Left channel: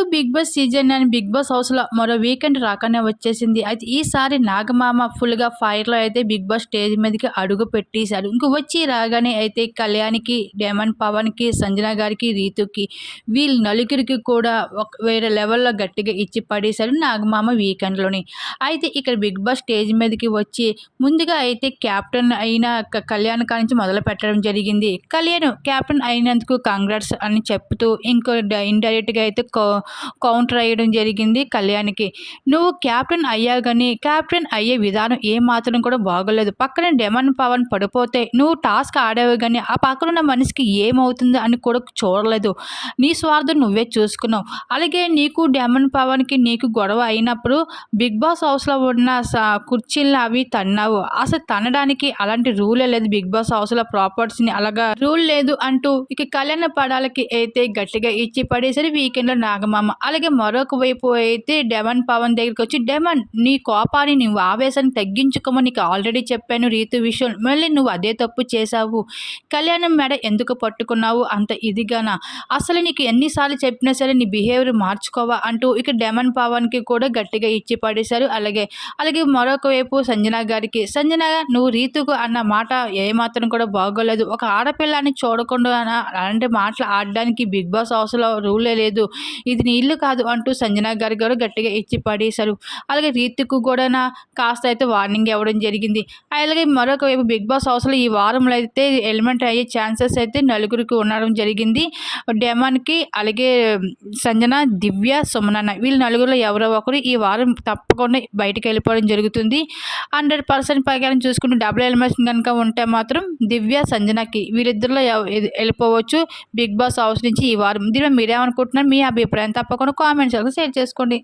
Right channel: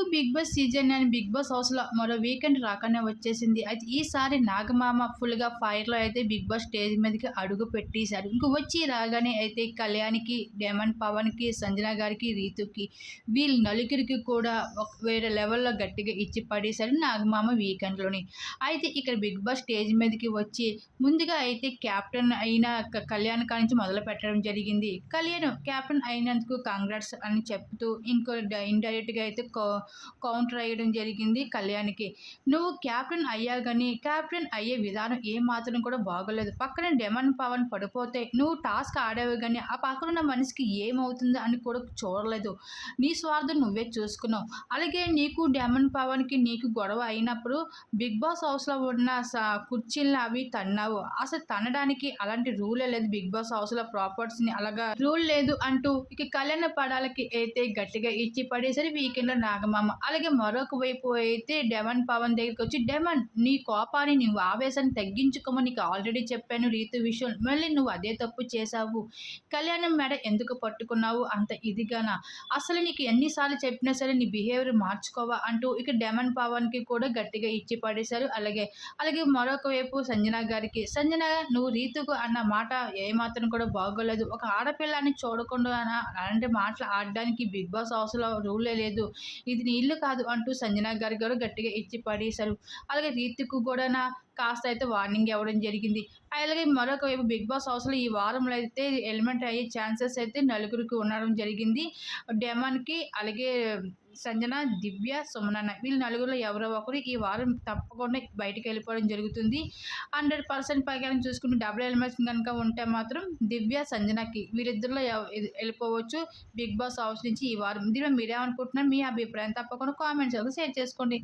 Telugu Big Boss season and Big Boss హౌస్‌లో మరో weekend రాకనే వచ్చేసింది. అయితే ఈసారి నాగమామ ఫుల్‌గా ఫైర్‌లో అయితే బిగ్ బాస్ స్టేజ్ మీదకి అడుగు పెట్టేసారు. ఇంక వచ్చి రాగానే అయితే కళ్యాణ్‌కి, డైమండ్ పవన్‌కి, సంజన గారికి, రీతుకి వీళ్ళు నలుగురికి కూడా వేరే లెవెల్‌లో గట్టిగా ఇచ్చి పడేశారు నాగమామ వీకెండ్‌లోని. అయితే ఇక్కడ బిగ్ బాస్ స్టేజ్ మీదకి వచ్చి ముందుగా అయితే కెప్టెన్ అయిన కళ్యాణ్ కానించి మొదలుపెట్టడం జరిగింది. కళ్యాణ్ కెప్టెన్ అయినందుకు కంగ్రాట్స్ అని చెప్తూ ఇండైరెక్ట్‌గా అయితే కౌంటర్ అయ్యడం జరిగింది కళ్యాణ్‌కి. నువ్వు కెప్టెన్ అయ్యావు గానీ, కెప్టెన్ అయ్యే విధానం ఏమాత్రం కూడా బాగోలేదు. పక్కన డెమన్ పవన్ పడిపోతే నువ్వు టాస్క్ ఆడావు గానీ, ఆ పక్కనున్న మనిషికి ఏమవుతుందో అని కూడా చూడలేదు. నీ స్వార్థం నువ్వే చూసుకున్నావు. అలాగే నీకు డెమన్ పవన్‌కి నీకు గొడవ అయినప్పుడు బిగ్ బాస్ హౌస్‌లో ఉన్న కుర్చీలని అవి తన్నావు. అసలు తన్నడానికి అలాంటి రూలే లేదు బిగ్ బాస్ హౌస్‌లో ప్రాపర్టీస్‌ని అలాగా రూల్ లేదు అంటూ ఇక కళ్యాణ పడాలకి అయితే గట్టిగా ఇచ్చి పడేసారు వీకెండ్‌లో నాగమామ. అలాగే మరొక వైపు అయితే డెమన్ పవన్ దగ్గరికొచ్చి డెమన్ నీ కోపాన్ని నువ్వు ఆవేశాన్ని తగ్గించుకోమని నీకు ఆల్రెడీ చెప్పాను రీతు విషయం. మళ్ళీ నువ్వు అదే తప్పు చేశావు. కళ్యాణం మెడ ఎందుకు పట్టుకున్నావు అంత ఇదిగానా? అసలు నీకు ఎన్ని సార్లు చెప్పినా సరే నీ బిహేవియర్ మార్చుకోవా అంటూ ఇక డెమన్ పవన్‌కి కూడా గట్టిగా ఇచ్చి పడేశారు. అలాగే మరొక వైపు సంజన గారికి, సంజన నువ్వు రీతుకు అన్న మాట ఏమాత్రం కూడా బాగోలేదు. ఒక ఆడపిల్లని చూడకుండా అలాంటి మాటలు ఆడడానికి బిగ్ బాస్ హౌస్‌లో రూలే లేదు. ఇది నీ ఇల్లు కాదు అంటూ సంజన గారు కూడా గట్టిగా ఇచ్చి పడేశారు. అలాగే రీతుకు కూడానా కాస్త అయితే వార్నింగ్ ఇవ్వడం జరిగింది. అలాగే మరొక వైపు బిగ్ బాస్ హౌస్‌లో ఈ వారంలో అయితే ఎలిమెంట్ అయ్యే ఛాన్సెస్ అయితే నలుగురికి ఉండడం జరిగింది. డెమాన్‌కి, అలాగే సంజన, దివ్య, సుమనన్న వీళ్ళు నలుగురిలో ఎవరో ఒకరు ఈ వారం తప్పకుండా బయటికెళ్ళిపోవడం జరుగుతుంది. 100% ప్రకారం చూసుకుంటే డబుల్ ఎలిమినేషన్ గనుక ఉంటే మాత్రం దివ్య, సంజనకి వీళ్ళిద్దరిలో ఎళ్ళిపోవచ్చు బిగ్ బాస్ హౌస్ నుంచి ఈ వారం. దీనిపై మీరేమనుకుంటున్నారు? మీ అభిప్రాయం తప్పకుండా కామెంట్ సెక్షన్‌లో షేర్ చేసుకోండి.